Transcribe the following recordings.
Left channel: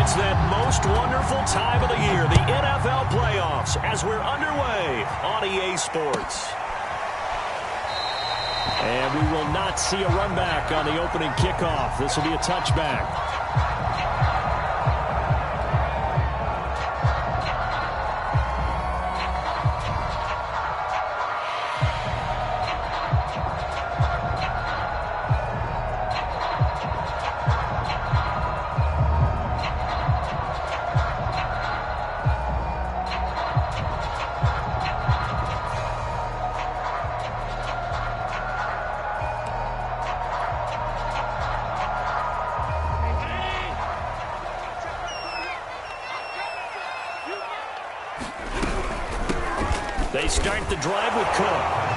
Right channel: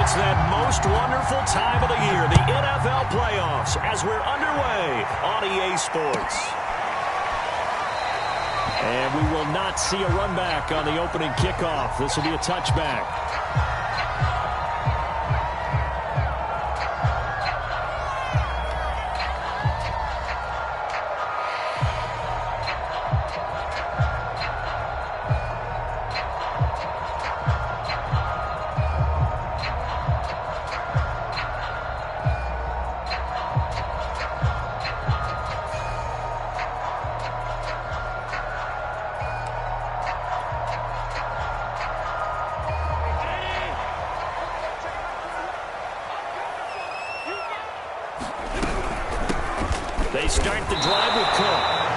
It's that most wonderful time of the year, the NFL playoffs, as we're underway on EA Sports. And we will not see a run back on the opening kickoff. This will be a touchback. They start the drive with Cook.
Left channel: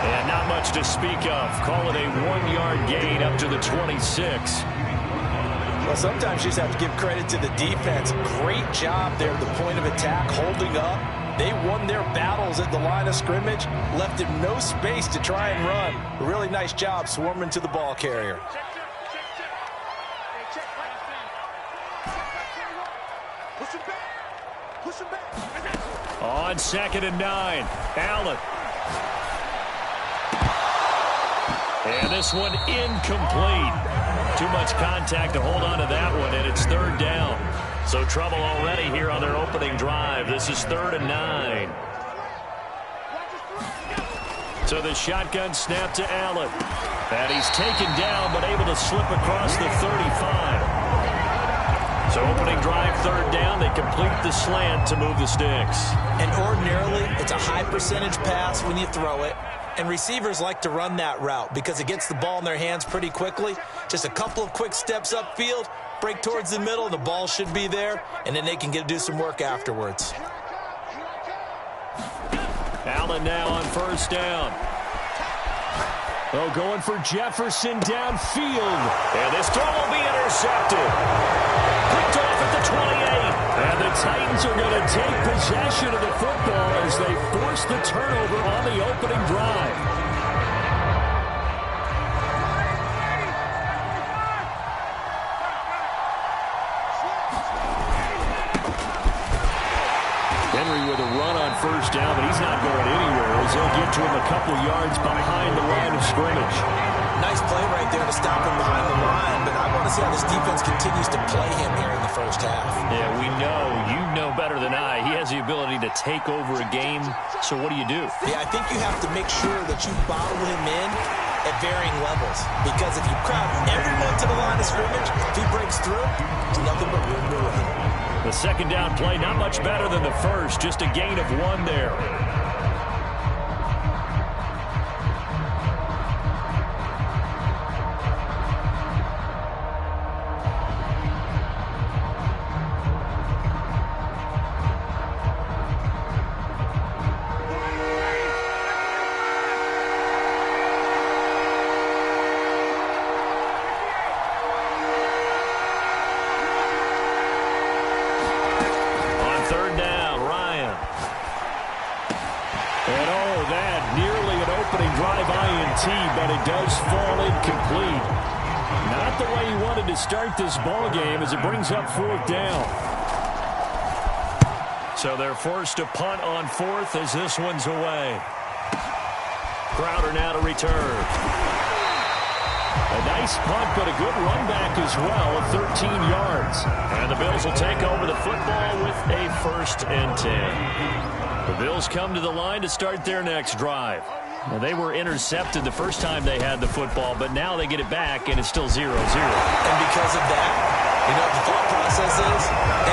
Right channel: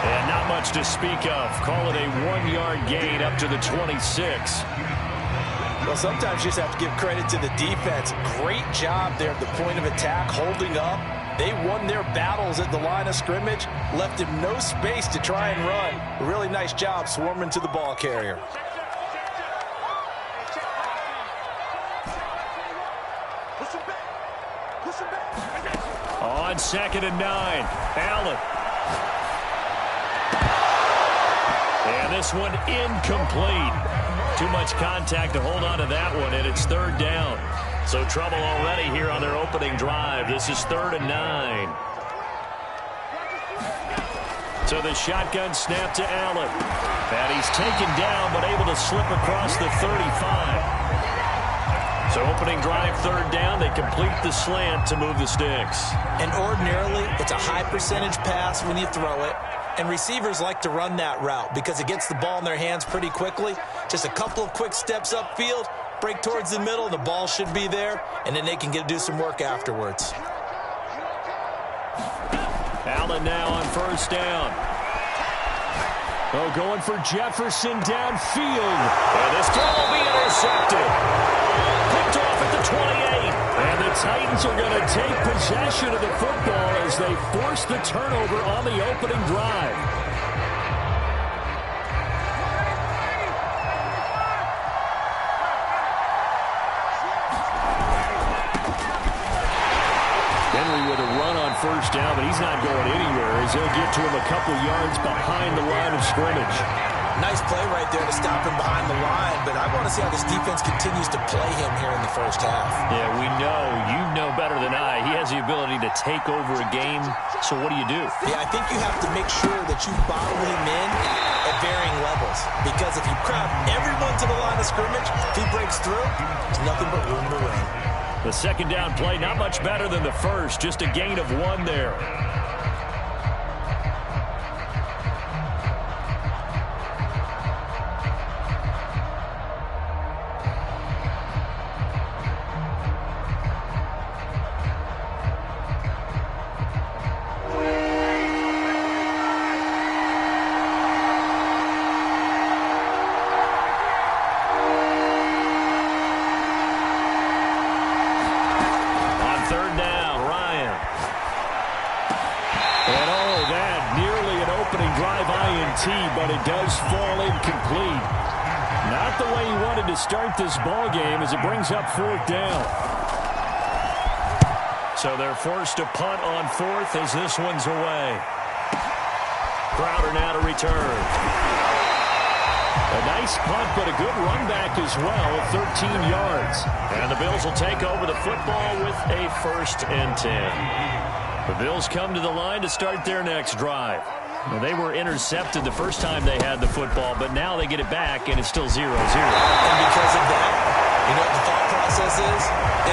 And not much to speak of. Call it a 1-yard gain up to the 26. Well, sometimes you just have to give credit to the defense. Great job there at the point of attack, holding up. They won their battles at the line of scrimmage, left him no space to try and run. A really nice job swarming to the ball carrier. On 2nd and 9, Allen. And this one incomplete. Too much contact to hold on to that one, and it's 3rd down. So trouble already here on their opening drive. This is 3rd and 9. So the shotgun snap to Allen. And he's taken down, but able to slip across the 35. So opening drive, 3rd down. They complete the slant to move the sticks. And ordinarily, it's a high percentage pass when you throw it. And receivers like to run that route because it gets the ball in their hands pretty quickly. Just a couple of quick steps upfield, break towards the middle, the ball should be there, and then they can do some work afterwards. Allen now on 1st down. Oh, going for Jefferson downfield. And this throw will be intercepted. Picked off at the 28. And the Titans are going to take possession of the football as they force the turnover on the opening drive. Henry with a run on 1st down, but he's not going anywhere as they'll get to him a couple yards behind the line of scrimmage. Nice play right there to stop him behind the line, but I want to see how this defense continues to play him here in the first half. Yeah, we know. You know better than I. He has the ability to take over a game, so what do you do? Yeah, I think you have to make sure that you bottle him in at varying levels, because if you crowd everyone to the line of scrimmage, if he breaks through, there's nothing but room to run. The 2nd down play, not much better than the first, just a gain of 1 there. But it does fall incomplete. Not the way he wanted to start this ball game as it brings up 4th down. So they're forced to punt on 4th as this one's away. Crowder now to return. A nice punt, but a good run back as well of 13 yards. And the Bills will take over the football with a 1st and 10. The Bills come to the line to start their next drive. Well, they were intercepted the first time they had the football, but now they get it back, and it's still 0-0. And because of that, you know what the thought process is?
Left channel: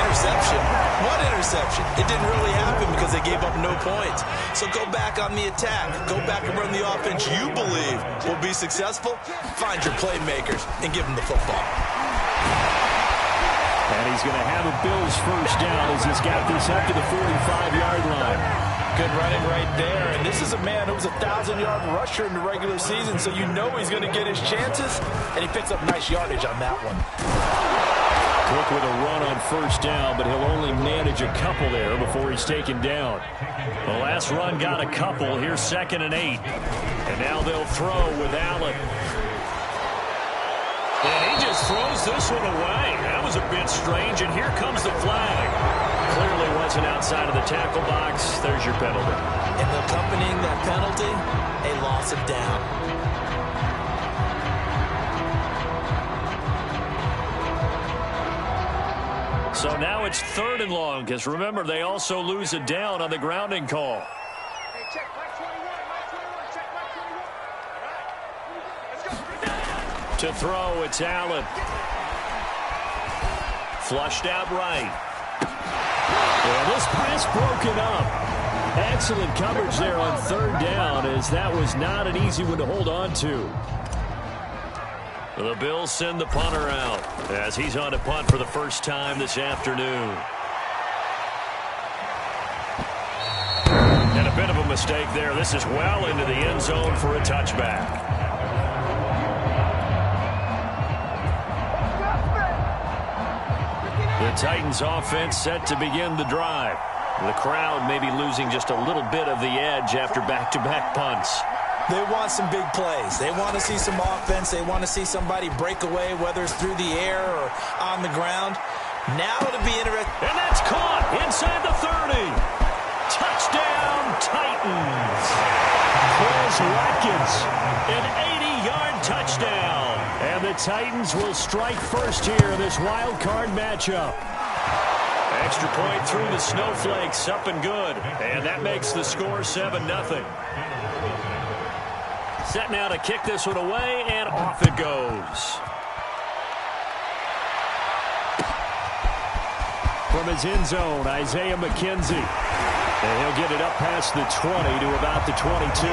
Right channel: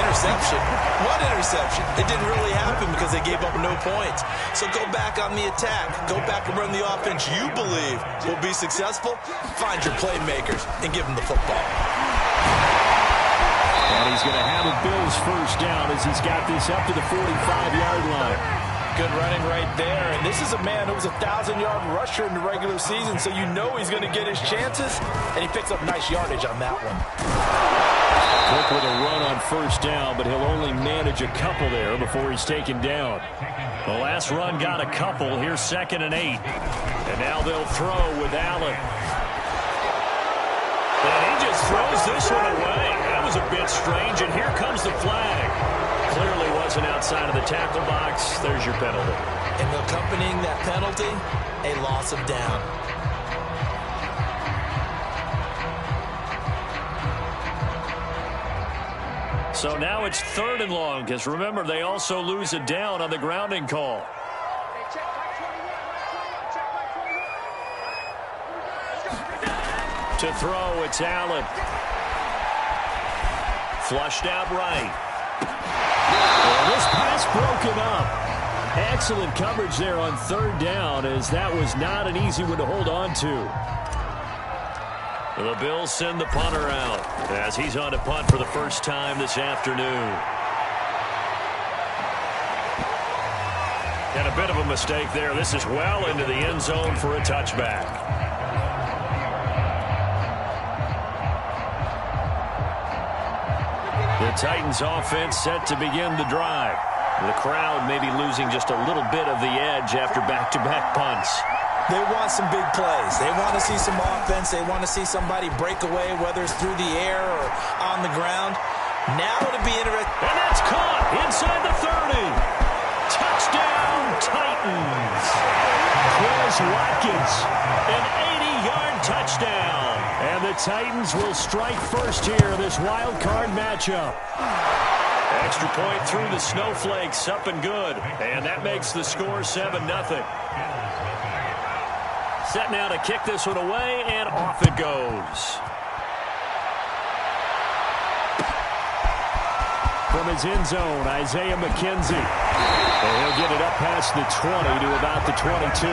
Interception. What interception? It didn't really happen because they gave up no points. So go back on the attack. Go back and run the offense you believe will be successful. Find your playmakers and give them the football. And he's going to have a Bills 1st down as he's got this up to the 45-yard line. Good running right there. And this is a man who was a 1,000-yard rusher in the regular season, so you know he's going to get his chances, and he picks up nice yardage on that one. Cook with a run on 1st down, but he'll only manage a couple there before he's taken down. The last run got a couple. Here's 2nd and 8. And now they'll throw with Allen. And he just throws this one away. That was a bit strange, and here comes the flag. Clearly wasn't outside of the tackle box. There's your penalty. And accompanying that penalty, a loss of down. So now it's 3rd and long, because remember, they also lose a down on the grounding call. Hey, check Mike 21, Mike 21, check Mike 21. All right, let's go. To throw, it's Allen. Flushed out right. And this pass broken up. Excellent coverage there on 3rd down, as that was not an easy one to hold on to. The Bills send the punter out as he's on to punt for the first time this afternoon. And a bit of a mistake there. This is well into the end zone for a touchback. The Titans offense set to begin the drive. The crowd may be losing just a little bit of the edge after back-to-back punts. They want some big plays. They want to see some offense. They want to see somebody break away, whether it's through the air or on the ground. Now to be interesting. And that's caught inside the 30. Touchdown, Titans. Quez Watkins, an 80-yard touchdown. And the Titans will strike first here in this wild card matchup. Extra point through the snowflakes, up and good. And that makes the score 7-0. Set now to kick this one away, and off it goes. From his end zone, Isaiah McKenzie. And he'll get it up past the 20 to about the 22.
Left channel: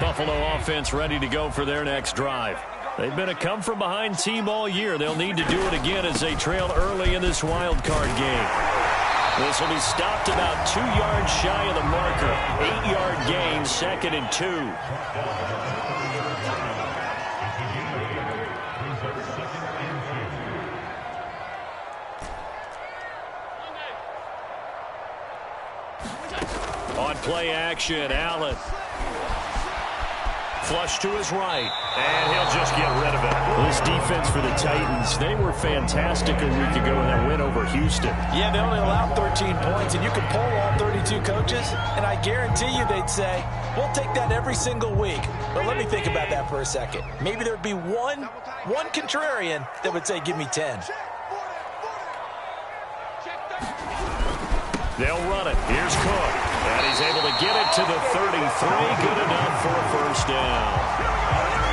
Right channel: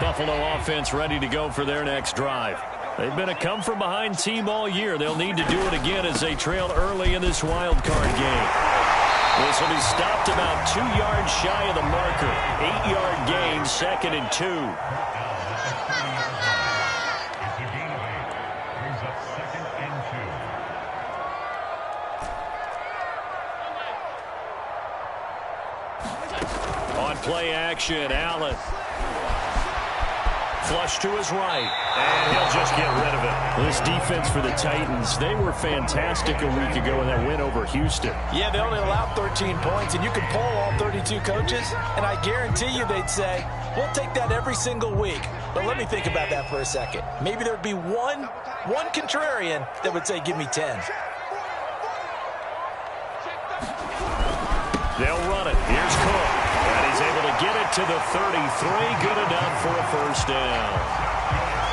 Buffalo offense ready to go for their next drive. They've been a come-from-behind team all year. They'll need to do it again as they trail early in this wild card game. This will be stopped about 2 yards shy of the marker. 8-yard gain, 2nd and 2. On play action, Allen. Flush to his right, and he'll just get rid of it. This defense for the Titans, they were fantastic a week ago in that win over Houston. Yeah, they only allowed 13 points, and you can poll all 32 coaches, and I guarantee you they'd say, we'll take that every single week. But let me think about that for a second. Maybe there'd be one contrarian that would say, give me 10. They'll run it. Here's Cook. And he's able to get it to the 33. Good enough for a first down.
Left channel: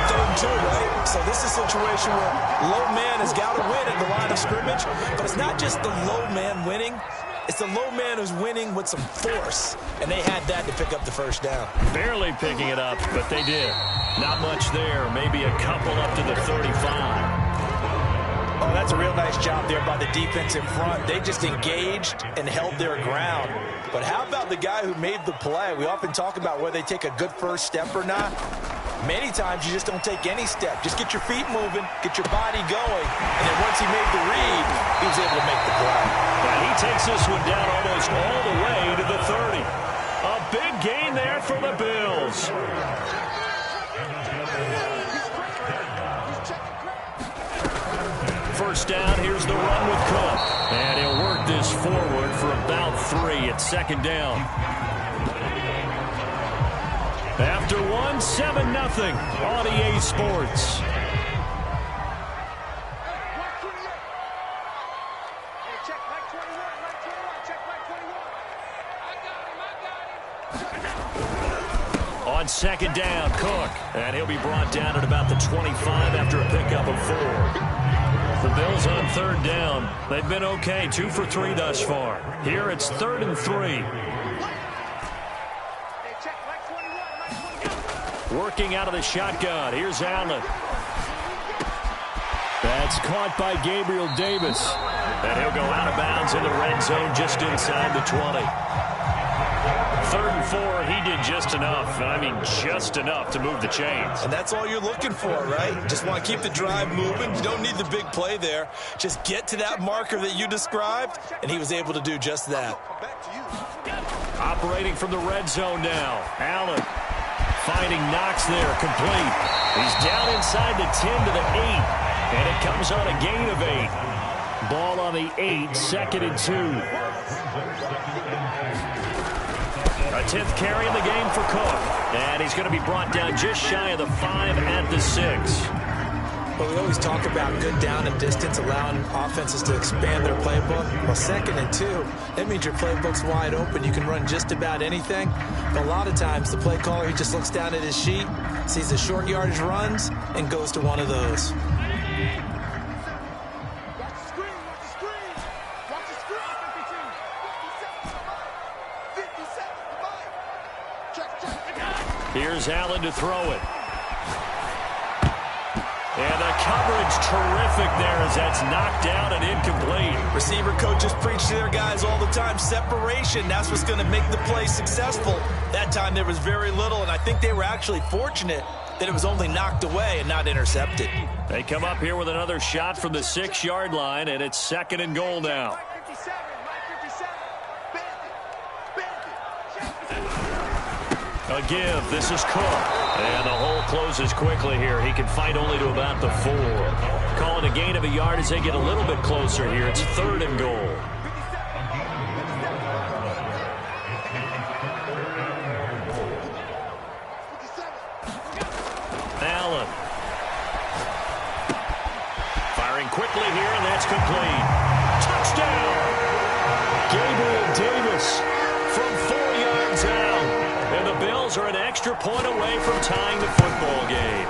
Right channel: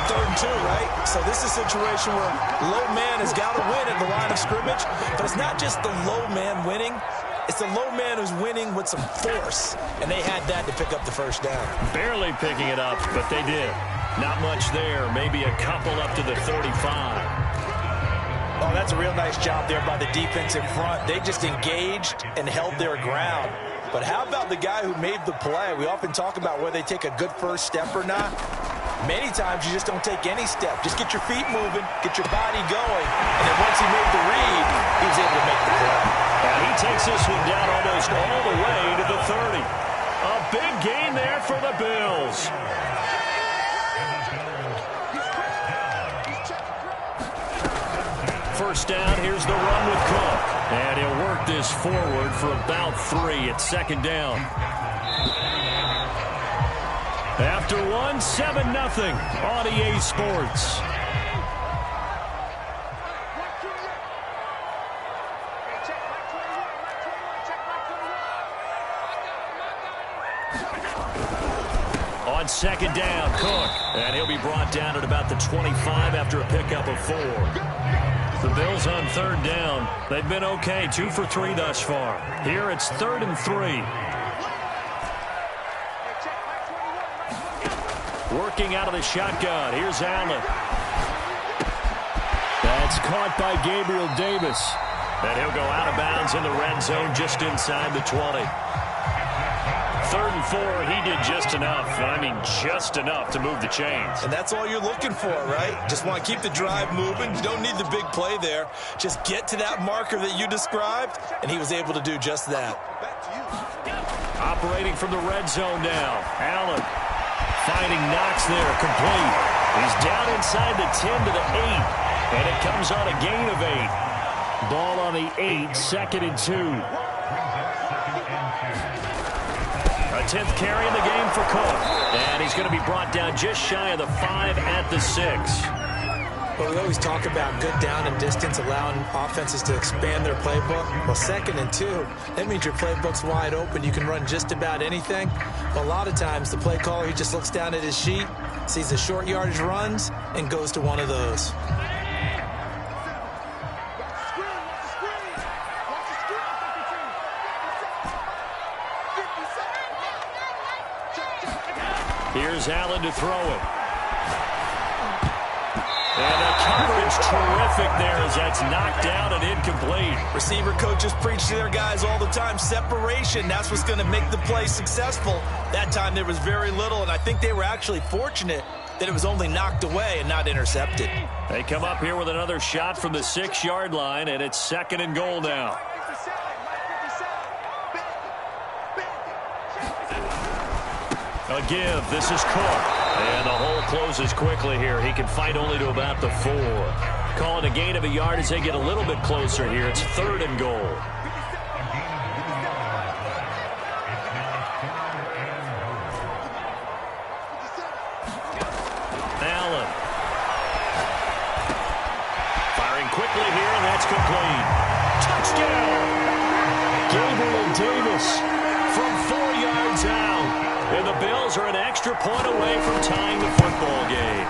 3rd and 2, right? So this is a situation where low man has got to win at the line of scrimmage. But it's not just the low man winning. It's the low man who's winning with some force. And they had that to pick up the first down. Barely picking it up, but they did. Not much there. Maybe a couple up to the 35. Oh, that's a real nice job there by the defense in front. They just engaged and held their ground. But how about the guy who made the play? We often talk about whether they take a good first step or not. Many times you just don't take any step. Just get your feet moving, get your body going, and then once he made the read, he was able to make the play. And he takes this one down almost all the way to the 30. A big gain there for the Bills. First down, here's the run with Cook. And he'll work this forward for about 3 at 2nd down. After 1, 7-0 on EA Sports. On 2nd down, Cook. And he'll be brought down at about the 25 after a pickup of 4. The Bills on 3rd down. They've been okay, 2 for 3 thus far. Here it's 3rd and 3. Working out of the shotgun. Here's Allen. That's caught by Gabriel Davis. And he'll go out of bounds in the red zone just inside the 20. 3rd and 4, he did just enough. I mean, just enough to move the chains. And that's all you're looking for, right? Just want to keep the drive moving. You don't need the big play there. Just get to that marker that you described, and he was able to do just that. Operating from the red zone now. Allen finding Knox there, complete. He's down inside the 10 to the 8, and it comes on a gain of 8. Ball on the 8, 2nd and 2. A 10th carry in the game for Cook. And he's going to be brought down just shy of the 5 at the 6. Well, we always talk about good down and distance, allowing offenses to expand their playbook. Well, 2nd and 2, that means your playbook's wide open. You can run just about anything. But a lot of times, the play caller, he just looks down at his sheet, sees the short yardage runs, and goes to one of those. Here's Allen to throw it. And the coverage terrific there as that's knocked down and incomplete. Receiver coaches preach to their guys all the time. Separation, that's what's going to make the play successful. That time there was very little, and I think they were actually fortunate that it was only knocked away and not intercepted. They come up here with another shot from the 6-yard line, and it's 2nd and goal now. A give. This is Cook. And the hole closes quickly here. He can fight only to about the 4. Call it a gain of a yard as they get a little bit closer here. It's 3rd and goal. Allen. Firing quickly here, and that's complete. Touchdown! Gabriel Davis from 4 yards out. And the Bills are an extra point away from tying the football game.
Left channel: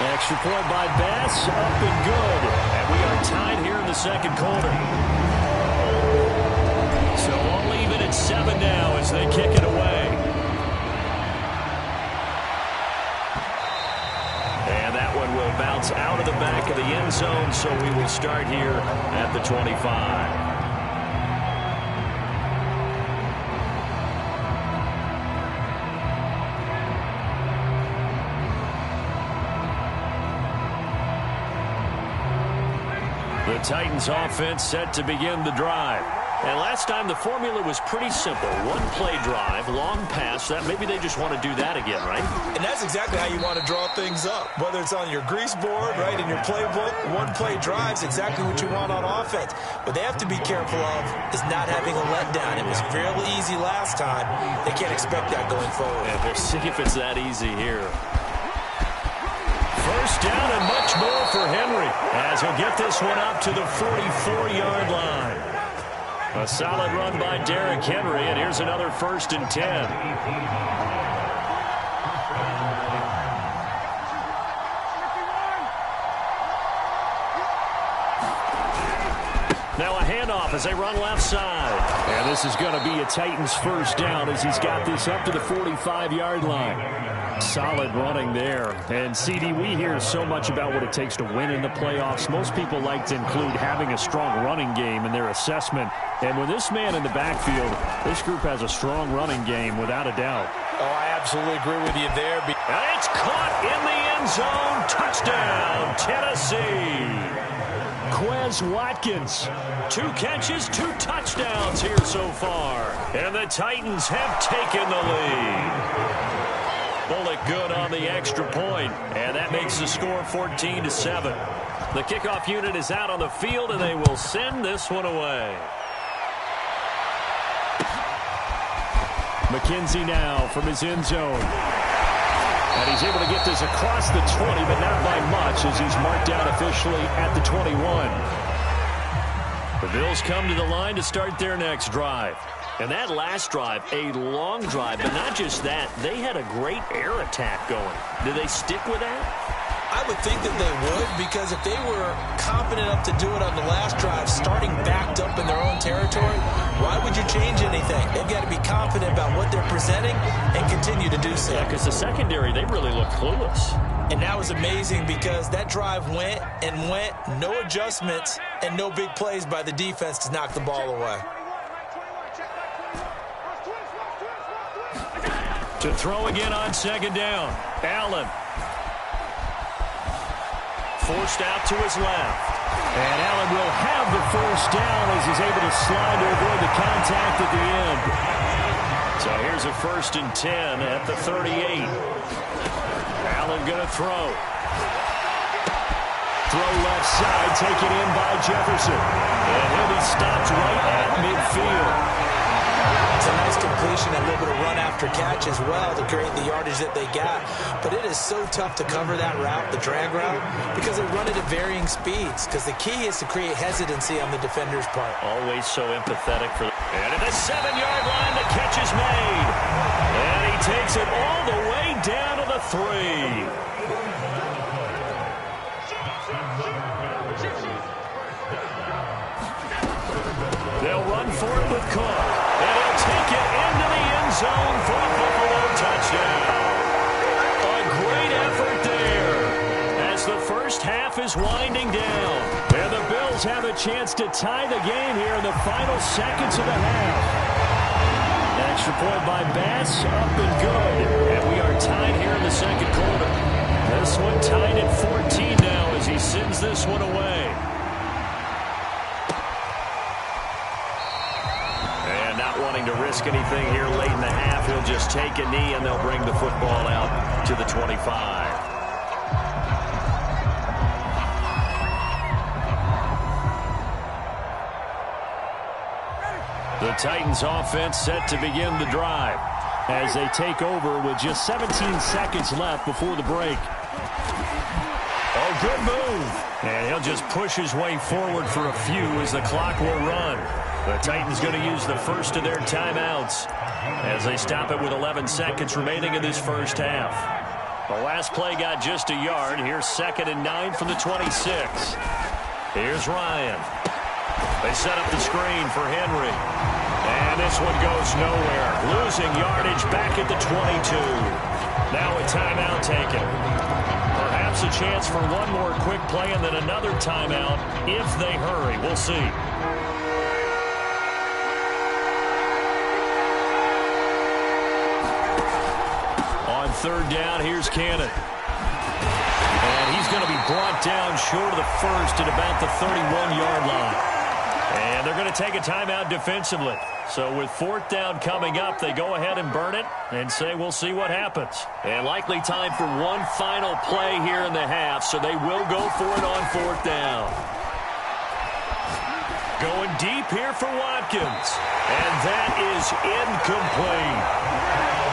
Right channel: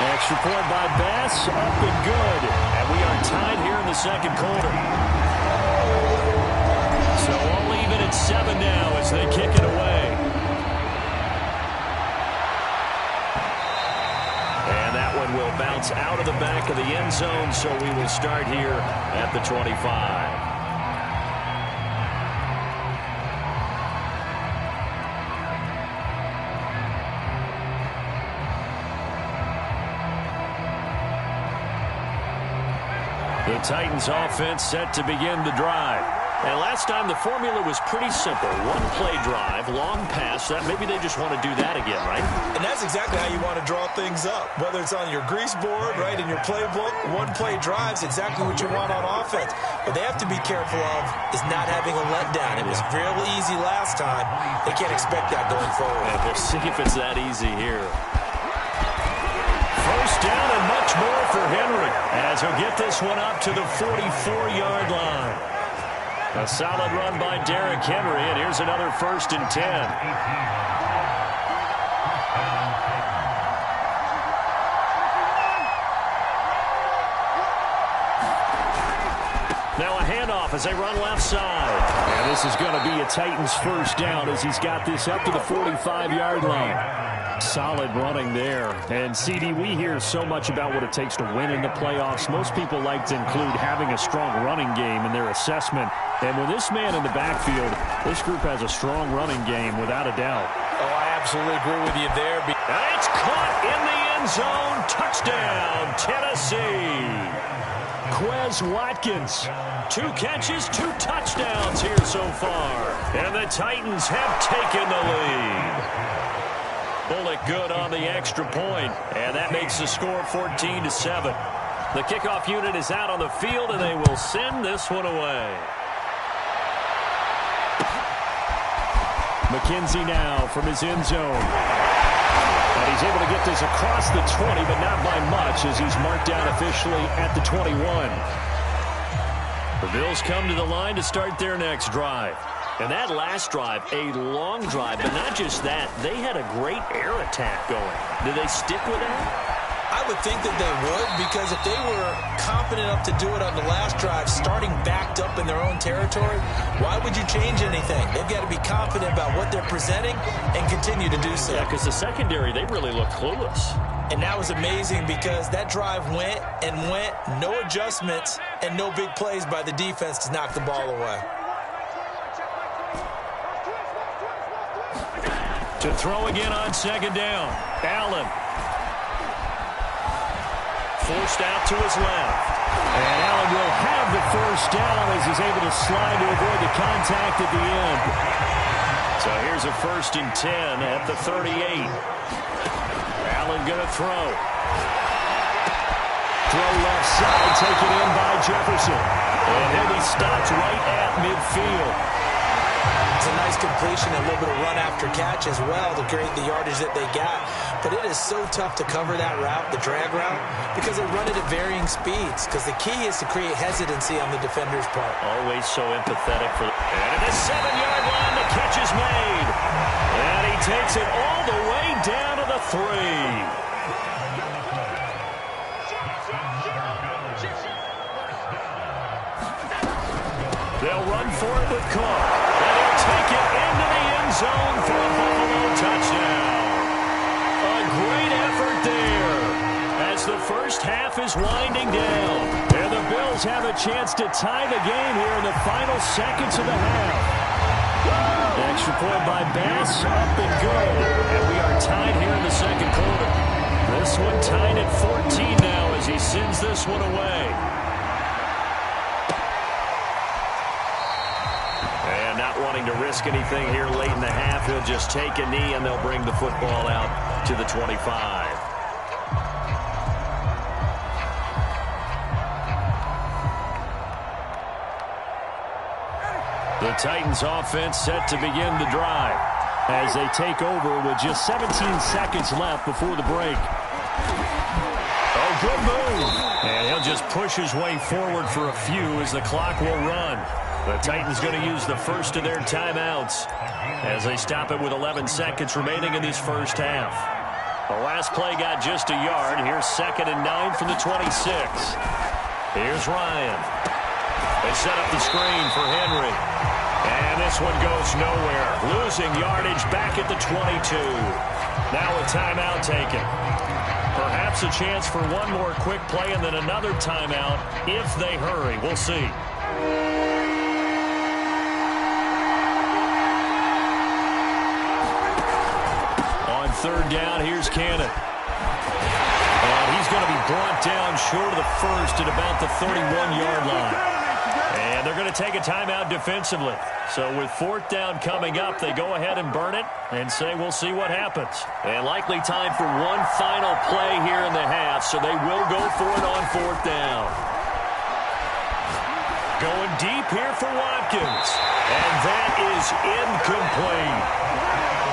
Extra point by Bass, up and good. And we are tied here in the 2nd quarter. So all even at 7 now as they kick it away. And that one will bounce out of the back of the end zone, so we will start here at the 25. The Titans offense set to begin the drive. And last time the formula was pretty simple. 1-play drive, long pass. That maybe they just want to do that again, right? And that's exactly how you want to draw things up. Whether it's on your grease board, right, in your playbook, 1-play drive's exactly what you want on offense. What they have to be careful of is not having a letdown. It was fairly easy last time. They can't expect that going forward. And we'll see if it's that easy here. First down and much more for Henry as he'll get this one up to the 44-yard line. A solid run by Derrick Henry, and here's another 1st and 10. Now a handoff as they run left side. And this is going to be a Titans first down as he's got this up to the 45-yard line. Solid running there. And, CD, we hear so much about what it takes to win in the playoffs. Most people like to include having a strong running game in their assessment. And with this man in the backfield, this group has a strong running game without a doubt. Oh, I absolutely agree with you there. And it's caught in the end zone. Touchdown, Tennessee. Quez Watkins. 2 catches, 2 touchdowns here so far. And the Titans have taken the lead. Bullock good on the extra point, and that makes the score 14-7. The kickoff unit is out on the field, and they will send this one away. McKenzie now from his end zone. And he's able to get this across the 20, but not by much as he's marked down officially at the 21. The Bills come to the line to start their next drive. And that last drive, a long drive, but not just that. They had a great air attack going. Did they stick with that? I would think that they would, because if they were confident enough to do it on the last drive, starting backed up in their own territory, why would you change anything? They've got to be confident about what they're presenting and continue to do so. Yeah, because the secondary, they really looked clueless. And that was amazing because that drive went and went, no adjustments, and no big plays by the defense to knock the ball away. To throw again on second down. Allen. Forced out to his left. And Allen will have the first down as he's able to slide to avoid the contact at the end. So here's a 1st and 10 at the 38. Allen going to throw. Throw left side, taken in by Jefferson. And he'll be stopped right at midfield. It's a nice completion, a little bit of run after catch as well to create the yardage that they got. But it is so tough to cover that route, the drag route, because they run it at varying speeds. Because the key is to create hesitancy on the defender's part. Always so empathetic for and at the 7-yard line, the catch is made. And he takes it all the way down to the 3. They'll run for it with Cook. And he'll take it into the end zone for a Buffalo touchdown. A great effort there as the first half is winding down. And the Bills have a chance to tie the game here in the final seconds of the half. An extra point by Bass, up and good. And we are tied here in the second quarter. This one tied at 14 now as he sends this one away. And not wanting to risk anything here late in the half, he'll just take a knee and they'll bring the football out to the 25. The Titans offense set to begin the drive as they take over with just 17 seconds left before the break. Oh, good move. And he'll just push his way forward for a few as the clock will run. The Titans going to use the first of their timeouts as they stop it with 11 seconds remaining in this first half. The last play got just a yard. Here's 2nd and 9 from the 26. Here's Ryan. They set up the screen for Henry. And this one goes nowhere. Losing yardage back at the 22. Now a timeout taken. Perhaps a chance for one more quick play and then another timeout if they hurry. We'll see. On 3rd down, here's Cannon. And he's going to be brought down short of the first at about the 31-yard line. And they're going to take a timeout defensively. So with 4th down coming up, they go ahead and burn it and say we'll see what happens. And likely time for one final play here in the half, so they will go for it on 4th down. Going deep here for Watkins. And that is incomplete.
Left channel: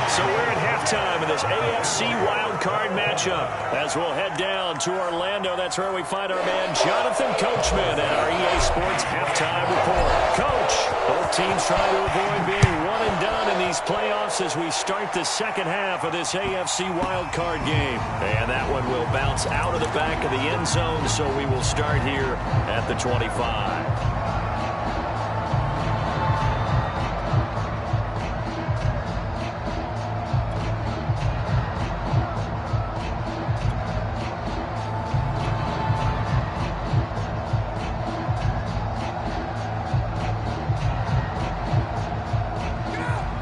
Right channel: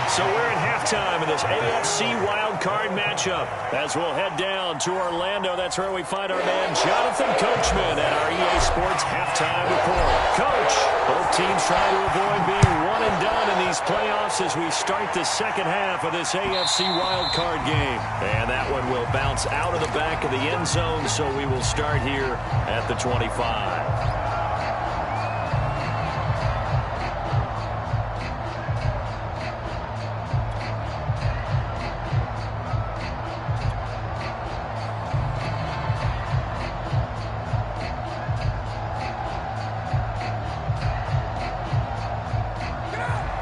So we're at halftime in this AFC wildcard matchup. As we'll head down to Orlando, that's where we find our man Jonathan Coachman at our EA Sports Halftime Report. Coach, both teams trying to avoid being one and done in these playoffs as we start the second half of this AFC wildcard game. And that one will bounce out of the back of the end zone, so we will start here at the 25.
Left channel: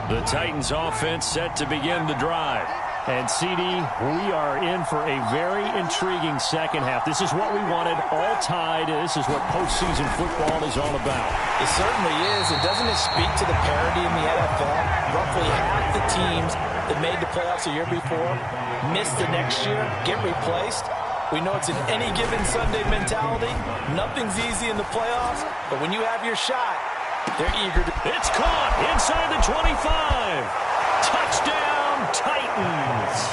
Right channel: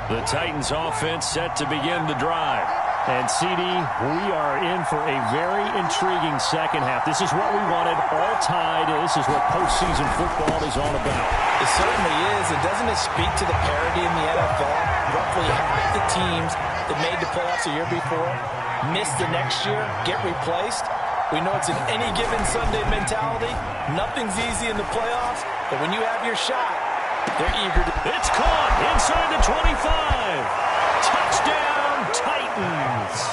The Titans offense set to begin the drive. And, CD, we are in for a very intriguing second half. This is what we wanted, all tied. This is what postseason football is all about. It certainly is. And doesn't it speak to the parity in the NFL? Roughly half the teams that made the playoffs the year before miss the next year, get replaced. We know it's an any given Sunday mentality. Nothing's easy in the playoffs, but when you have your shot, they're eager to... It's caught inside the 25. Touchdown, Titans.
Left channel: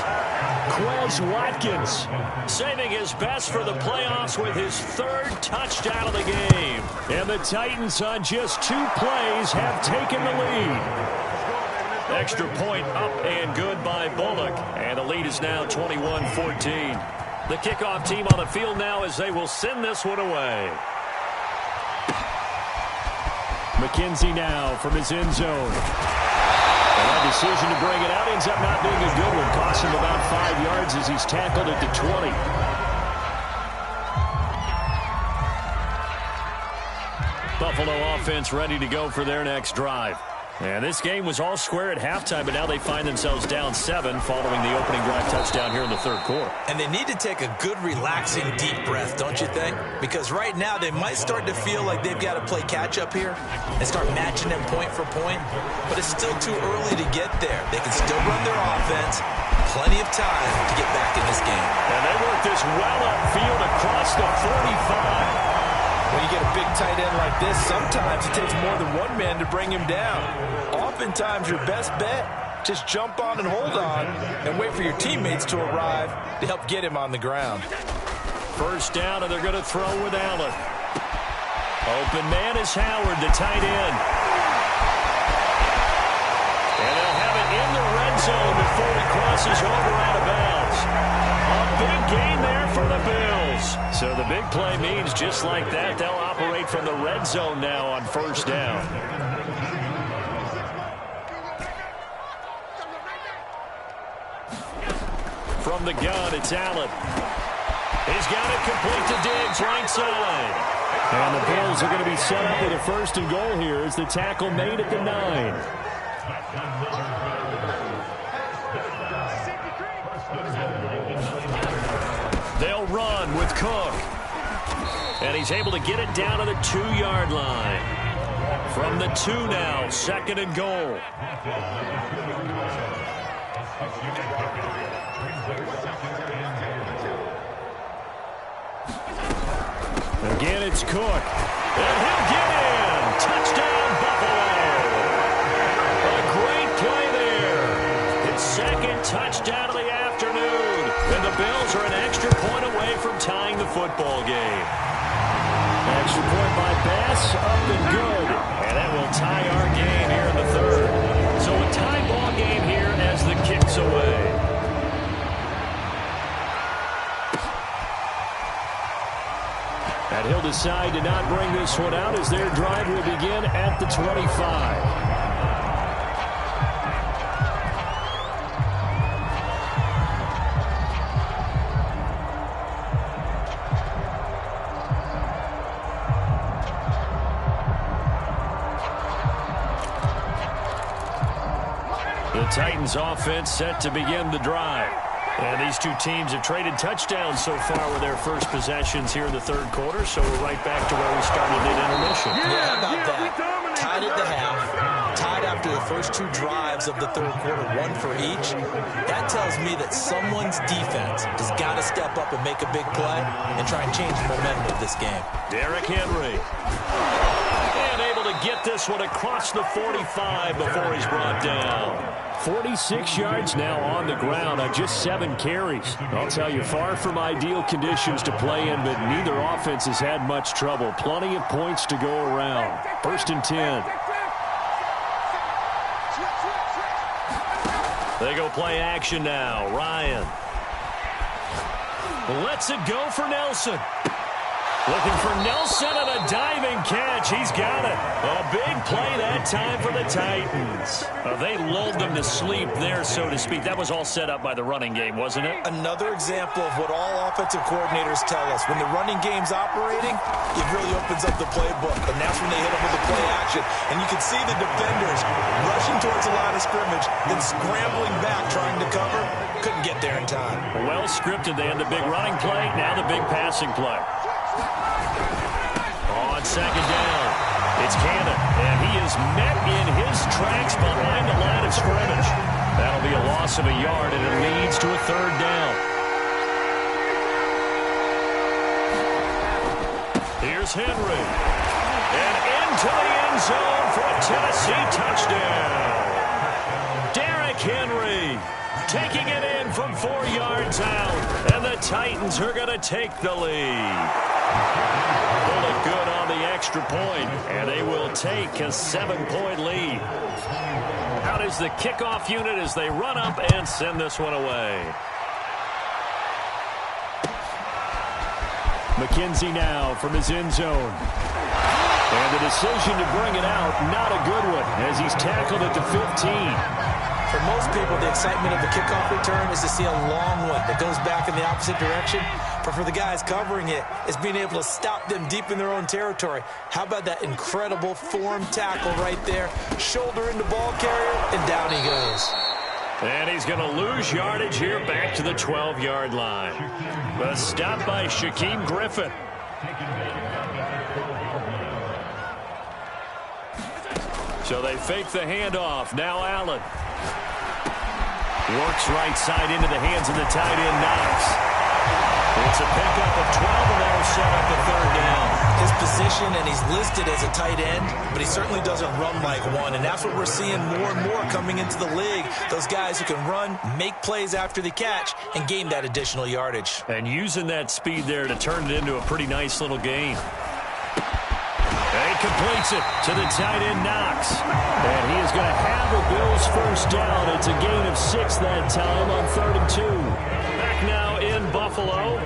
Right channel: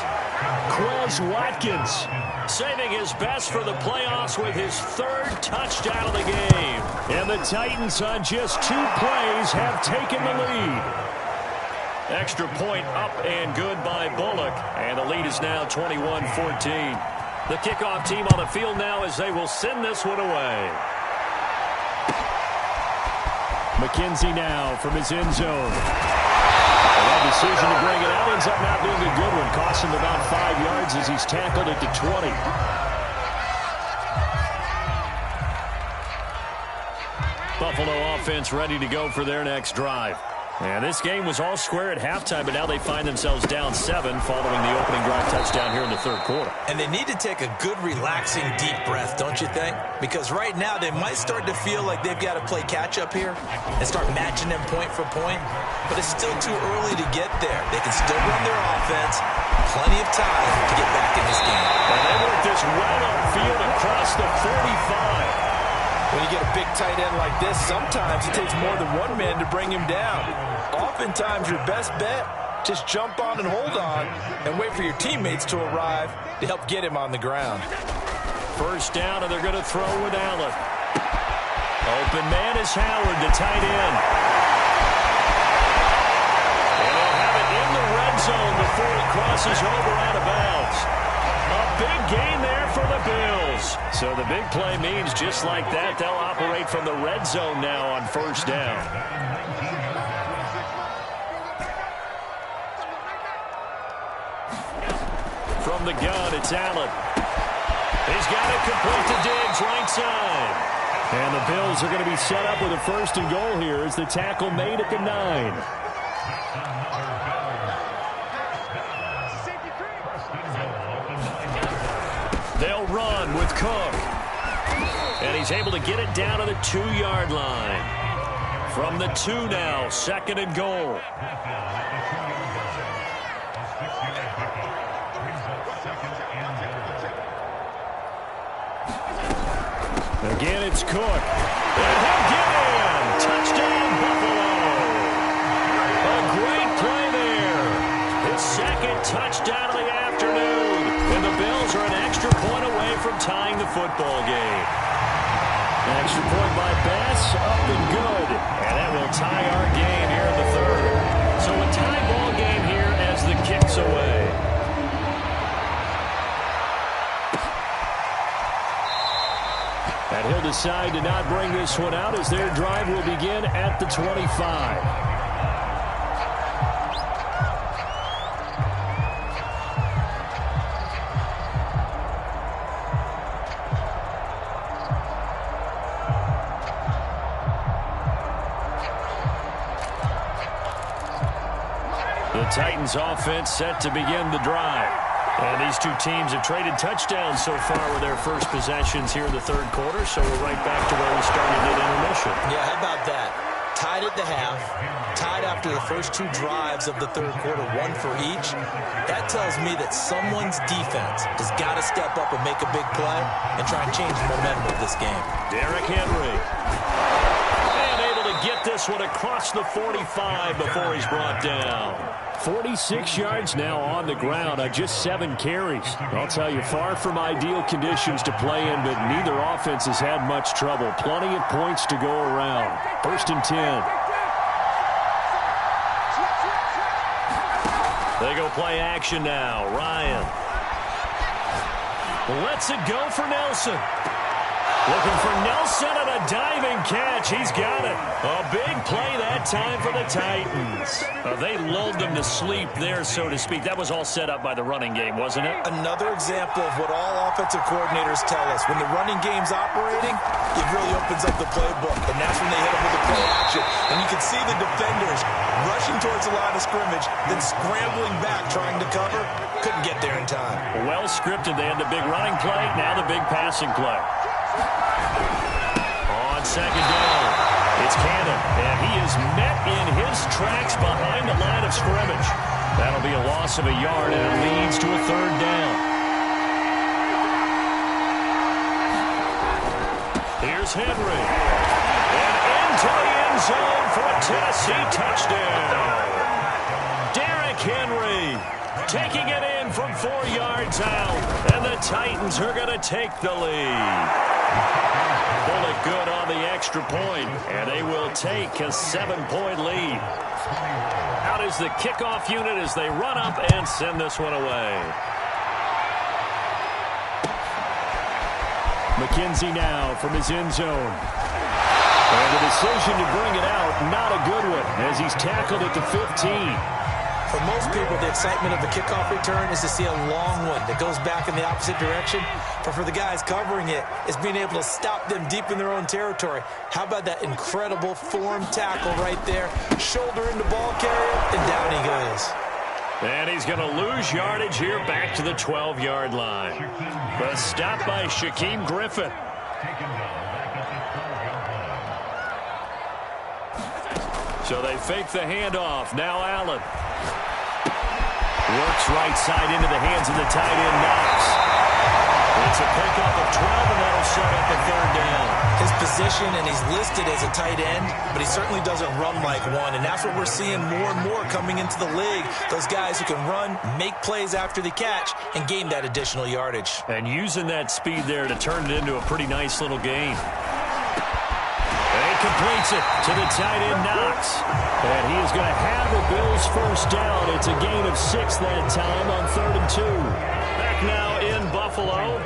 Quez Watkins saving his best for the playoffs with his 3rd touchdown of the game. And the Titans on just 2 plays have taken the lead. Extra point up and good by Bullock. And the lead is now 21-14. The kickoff team on the field now as they will send this one away. McKenzie now from his end zone. And that decision to bring it out ends up not being a good one. Costs him about 5 yards as he's tackled at the 20. Buffalo offense ready to go for their next drive. And this game was all square at halftime, but now they find themselves down 7 following the opening drive touchdown here in the third quarter. And they need to take a good, relaxing, deep breath, don't you think? Because right now they might start to feel like they've got to play catch-up here and start matching them point for point. But it's still too early to get there. They can still run their offense. Plenty of time to get back in this game. And they work this well upfield across the 45. When you get a big tight end like this, sometimes it takes more than one man to bring him down. Oftentimes, your best bet, just jump on and hold on and wait for your teammates to arrive to help get him on the ground. First down, and they're going to throw with Allen. Open man is Howard, the tight end. And they'll have it in the red zone before he crosses over out of bounds. A big gain there for the Bills. So the big play means just like that, they'll operate from the red zone now on first down. From the gun, it's Allen. He's got it complete to Diggs, right side. And the Bills are going to be set up with a first and goal here as the tackle made at the 9. They'll run with Cook. And he's able to get it down to the 2-yard line. From the 2 now, second and goal. Again, it's Cook. And he'll get in. Touchdown, Buffalo. A great play there. His second touchdown of the afternoon. And the Bills are an extra point away from tying the football game. Extra point by Bass, up and good. And that will tie our game here in the third. So a tie ball game here as the kick's away. And he'll decide to not bring this one out as their drive will begin at the 25. The Titans offense set to begin the drive. And these two teams have traded touchdowns so far with their first possessions here in the third quarter, so we're right back to where we started at intermission. Yeah, how about that? Tied at the half, tied after the first 2 drives of the third quarter, 1 for each. That tells me that someone's defense has got to step up and make a big play and try and change the momentum of this game. Derrick Henry. And able to get this one across the 45 before he's brought down. 46 yards now on the ground on just 7 carries. I'll tell you, far from ideal conditions to play in, but neither offense has had much trouble. Plenty of points to go around. First and 10. They go play action now. Ryan. Lets it go for Nelson. Looking for Nelson and a diving catch. He's got it. A big play that time for the Titans. They lulled them to sleep there, so to speak. That was all set up by the running game, wasn't it? Another example of what all offensive coordinators tell us. When the running game's operating, it really opens up the playbook. And that's when they hit them with the play action. And you can see the defenders rushing towards the line of scrimmage, then scrambling back trying to cover. Couldn't get there in time. Well scripted. They had the big running play, now the big passing play. On second down, it's Cannon, and he is met in his tracks behind the line of scrimmage. That'll be a loss of a yard, and it leads to a third down. Here's Henry, and into the end zone for a Tennessee touchdown. Derrick Henry taking it in from 4 yards out, and the Titans are going to take the lead. Bullet good on the extra point, and they will take a 7-point lead. Out is the kickoff unit as they run up and send this one away. McKenzie now from his end zone. And the decision to bring it out, not a good one, as he's tackled at the 15. For most people, the excitement of the kickoff return is to see a long one that goes back in the opposite direction. But for the guys covering it, it's being able to stop them deep in their own territory. How about that incredible form tackle right there? Shoulder into ball carrier, and down he goes. And he's going to lose yardage here back to the 12-yard line. The stop by Shaquem Griffin. So they fake the handoff. Now Allen. Works right side into the hands of the tight end, Knox. It's a pickup of 12, and that'll set up a third down. His position, and he's listed as a tight end, but he certainly doesn't run like one, and that's what we're seeing more and more coming into the league. Those guys who can run, make plays after the catch, and gain that additional yardage. And using that speed there to turn it into a pretty nice little game. And he completes it to the tight end, Knox. And he is going to have the Bills first down. It's a gain of 6 that time on 3rd and 2. Back now in Buffalo.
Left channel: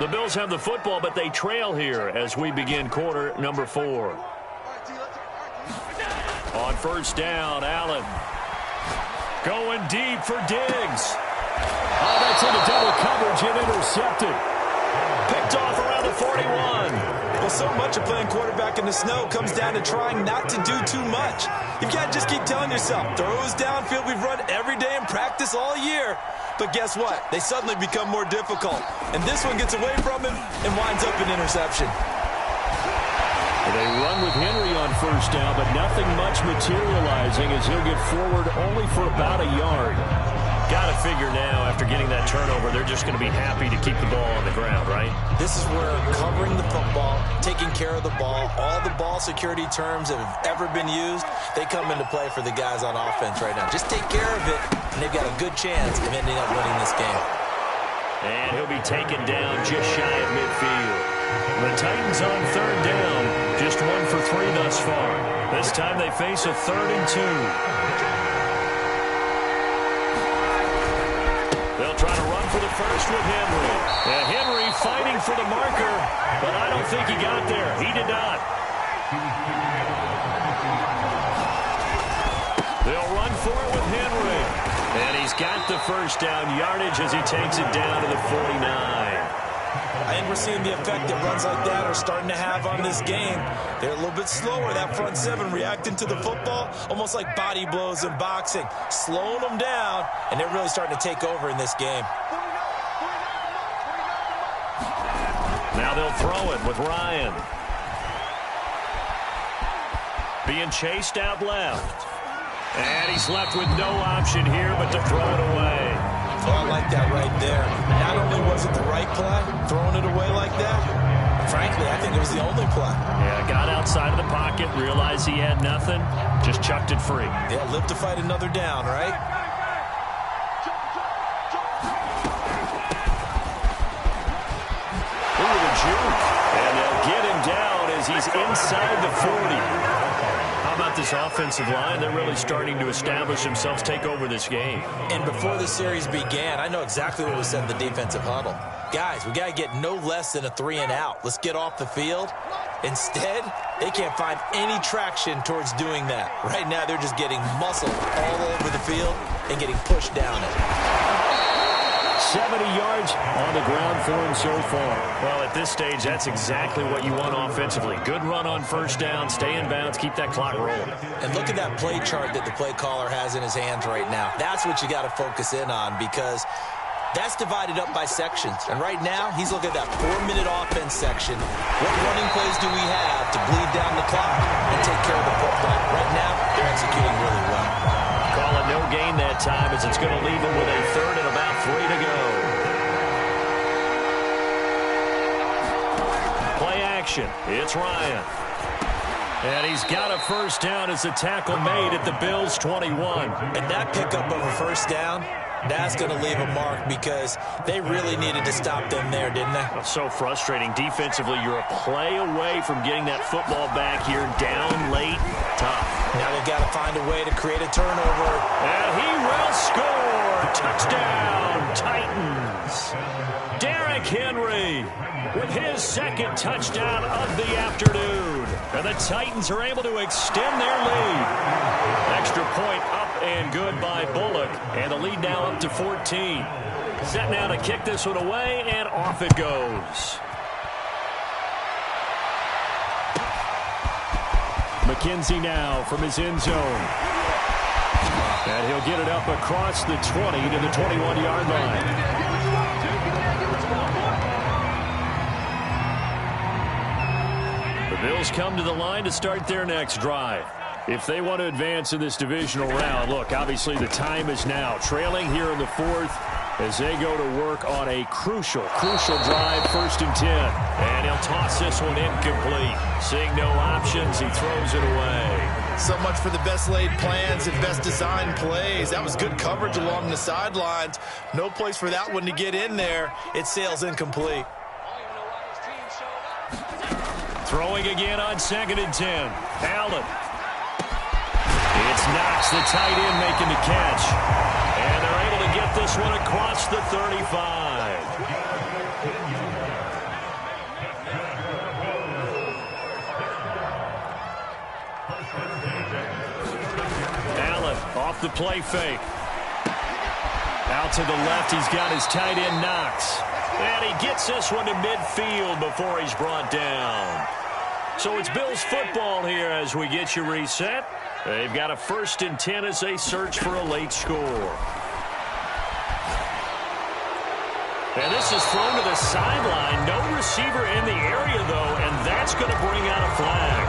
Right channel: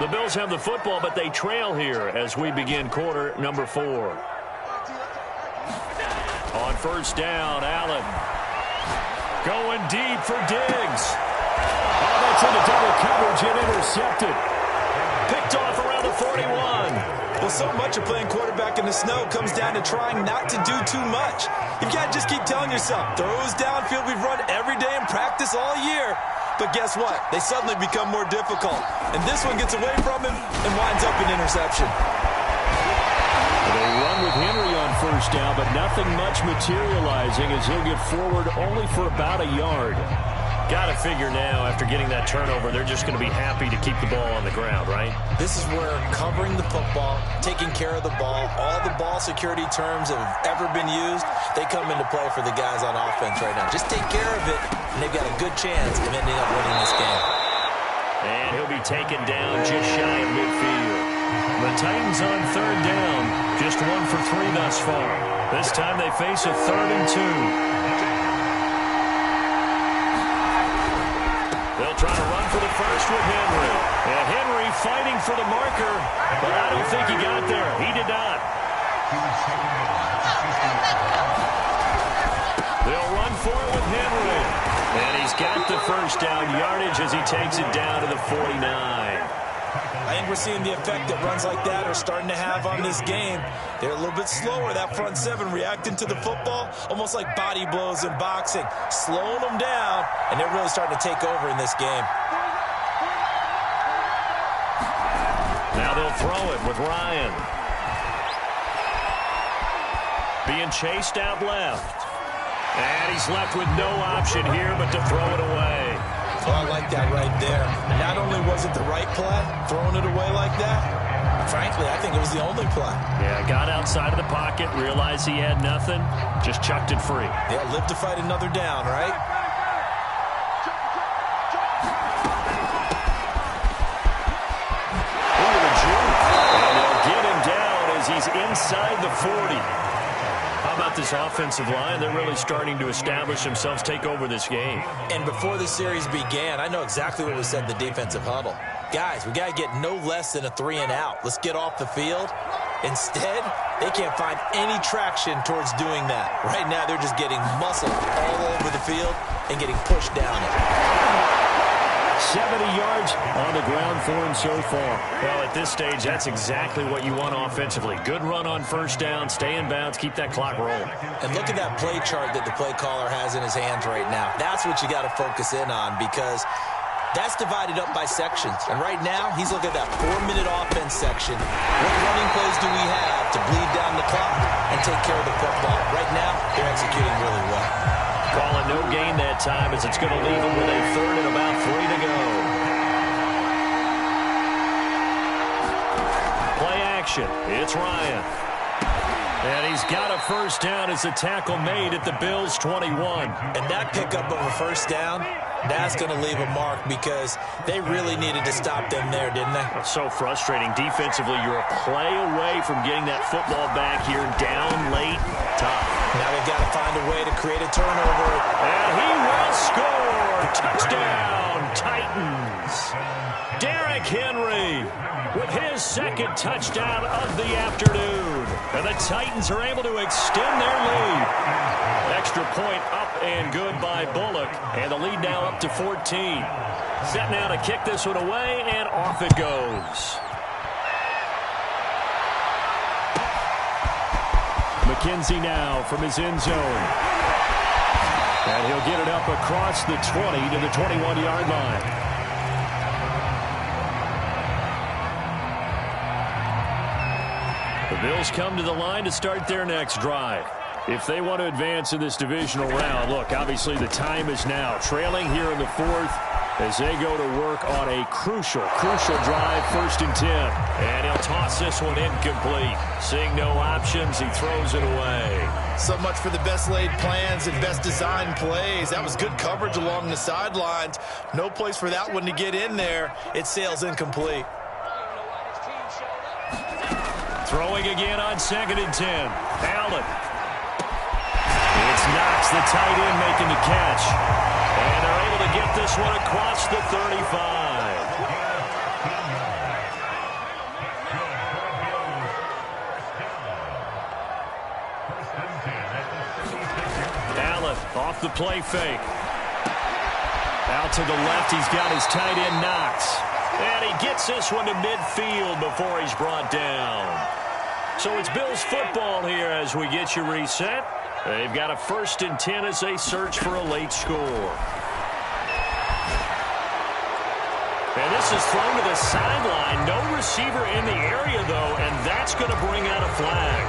The Bills have the football, but they trail here as we begin quarter number 4. On first down, Allen. Going deep for Diggs. Oh, that's into double coverage and intercepted. Picked off around the 41. Well, so much of playing quarterback in the snow comes down to trying not to do too much. You've got to just keep telling yourself, throws downfield we've run every day in practice all year. But guess what? They suddenly become more difficult. And this one gets away from him and winds up an interception. They run with Henry on first down, but nothing much materializing as he'll get forward only for about a yard. Got to figure now, after getting that turnover, they're just going to be happy to keep the ball on the ground, right? This is where covering the football, taking care of the ball, all the ball security terms that have ever been used, they come into play for the guys on offense right now. Just take care of it, and they've got a good chance of ending up winning this game. And he'll be taken down just shy of midfield. The Titans on third down, just 1 for 3 thus far. This time they face a 3rd and 2. They'll try to run for the first with Henry. And Henry fighting for the marker, but I don't think he got there. He did not. They'll run for it with Henry. And he's got the first down yardage as he takes it down to the 49. I think we're seeing the effect that runs like that are starting to have on this game. They're a little bit slower, that front 7, reacting to the football, almost like body blows in boxing, slowing them down, and they're really starting to take over in this game. Now they'll throw it with Ryan. Being chased out left. And he's left with no option here but to throw it away. Oh, I like that right there. Not only was it the right play, throwing it away like that, frankly, I think it was the only play. Yeah, got outside of the pocket, realized he had nothing, just chucked it free. Yeah, live to fight another down, right? Look at the juke. And they'll get him down as he's inside the 40. How about this offensive line? They're really starting to establish themselves, take over this game. And before the series began, I know exactly what was said in the defensive huddle. Guys, we got to get no less than a 3 and out. Let's get off the field. Instead, they can't find any traction towards doing that. Right now, they're just getting muscled all over the field and getting pushed down it. 70 yards on the ground for him so far. Well, at this stage, that's exactly what you want offensively. Good run on first down, stay in bounds, keep that clock rolling. And look at that play chart that the play caller has in his hands right now. That's what you got to focus in on, because that's divided up by sections. And right now, he's looking at that 4-minute offense section. What running plays do we have to bleed down the clock and take care of the football? Right now, they're executing really well. Call it no gain that time as it's going to leave him with a 3rd and about 3 to go. Play action. It's Ryan. And he's got a first down as a tackle made at the Bills' 21. And that pickup of a first down, that's going to leave a mark, because they really needed to stop them there, didn't they? So frustrating. Defensively, you're a play away from getting that football back here, down late. Tough. Now they've got to find a way to create a turnover. And he will score. Touchdown, Titans. Derrick Henry with his 2nd touchdown of the afternoon. And the Titans are able to extend their lead. Extra point up and good by Bullock. And the lead now up to 14. Set now to kick this one away, and off it goes. McKenzie now from his end zone. And he'll get it up across the 20 to the 21-yard line. The Bills come to the line to start their next drive. If they want to advance in this divisional round, look, obviously the time is now. Trailing here in the fourth as they go to work on a crucial drive, 1st and 10. And he'll toss this one incomplete. Seeing no options, he throws it away. So much for the best laid plans and best designed plays. That was good coverage along the sidelines. No place for that one to get in there. It sails incomplete. Throwing again on 2nd and 10. Allen. It's Knox, the tight end, making the catch. And they're able to get this one across the 35. Allen off the play fake. Out to the left, he's got his tight end, Knox. And he gets this one to midfield before he's brought down. So it's Bills football here as we get you reset. They've got a 1st and 10 as they search for a late score. And this is thrown to the sideline. No receiver in the area, though, and that's going to bring out a flag.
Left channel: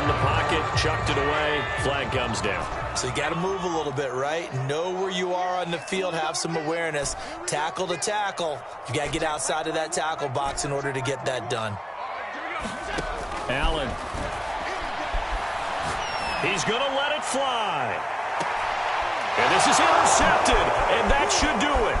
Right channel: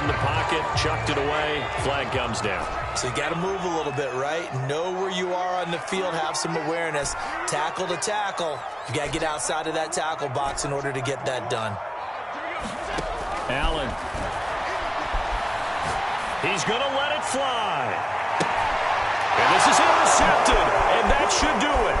In the pocket, chucked it away. Flag comes down. So you got to move a little bit, right? Know where you are on the field, have some awareness. Tackle to tackle. You got to get outside of that tackle box in order to get that done. Allen. He's going to let it fly. And this is intercepted, and that should do it.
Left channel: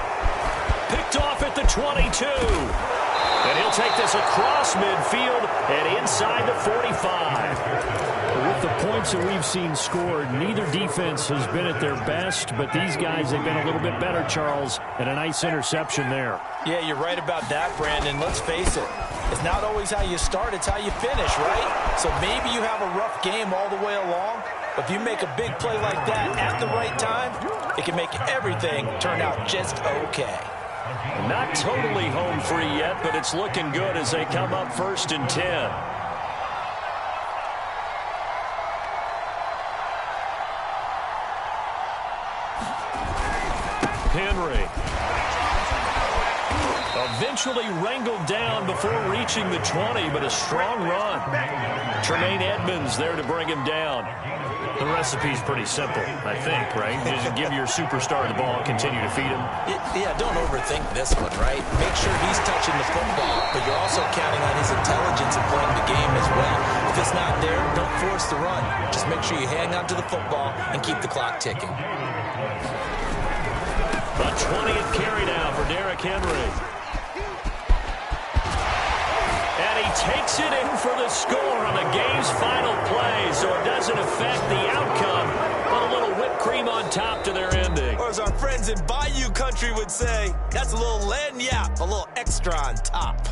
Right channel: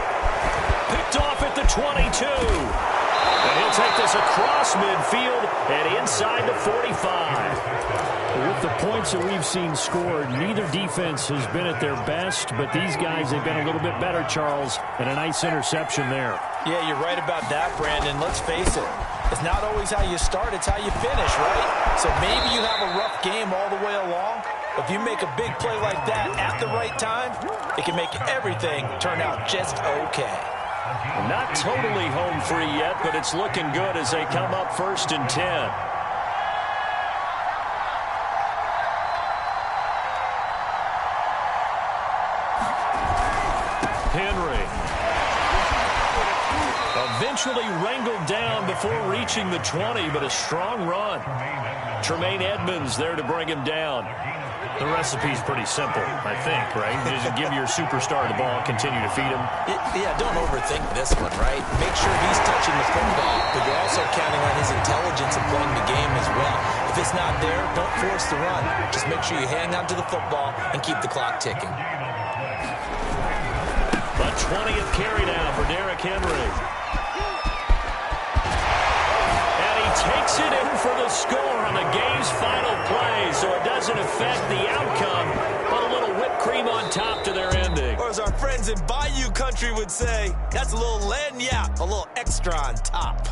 Picked off at the 22. And he'll take this across midfield and inside the 45. With the points that we've seen scored, neither defense has been at their best, but these guys have been a little bit better, Charles, and a nice interception there. Yeah, you're right about that, Brandon. Let's face it. It's not always how you start, it's how you finish, right? So maybe you have a rough game all the way along, but if you make a big play like that at the right time, it can make everything turn out just okay. Not totally home free yet, but it's looking good as they come up 1st and 10. Henry. Eventually wrangled down before reaching the 20, but a strong run. Tremaine Edmonds there to bring him down. The recipe's pretty simple, I think, right? Just give your superstar the ball and continue to feed him. Yeah, don't overthink this one, right? Make sure he's touching the football, but you're also counting on his intelligence and playing the game as well. If it's not there, don't force the run. Just make sure you hang on to the football and keep the clock ticking. The 20th carry now for Derrick Henry. And he takes it in for the score on the game's final play, so it doesn't affect the outcome, but a little whipped cream on top to their ending. Or as our friends in Bayou Country would say, that's a little lagniappe, a little extra on top.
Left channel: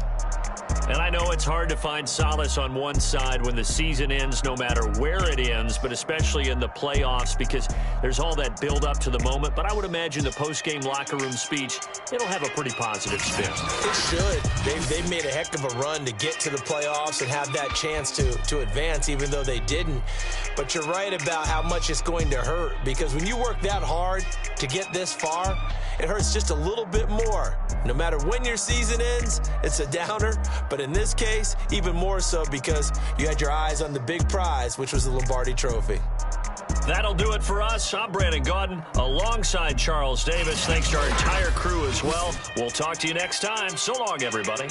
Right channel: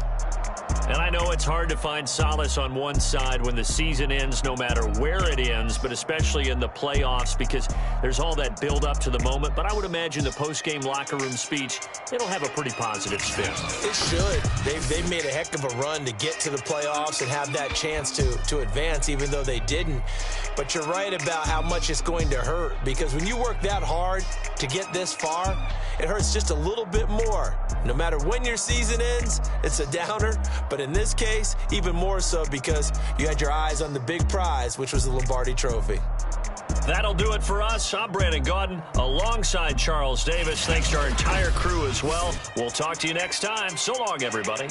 And I know it's hard to find solace on one side when the season ends, no matter where it ends, but especially in the playoffs because there's all that build up to the moment. But I would imagine the post-game locker room speech, it'll have a pretty positive spin. It should. They've made a heck of a run to get to the playoffs and have that chance to advance, even though they didn't. But you're right about how much it's going to hurt because when you work that hard to get this far, it hurts just a little bit more. No matter when your season ends, it's a downer. But in this case, even more so because you had your eyes on the big prize, which was the Lombardi Trophy. That'll do it for us. I'm Brandon Gaudin alongside Charles Davis. Thanks to our entire crew as well. We'll talk to you next time. So long, everybody.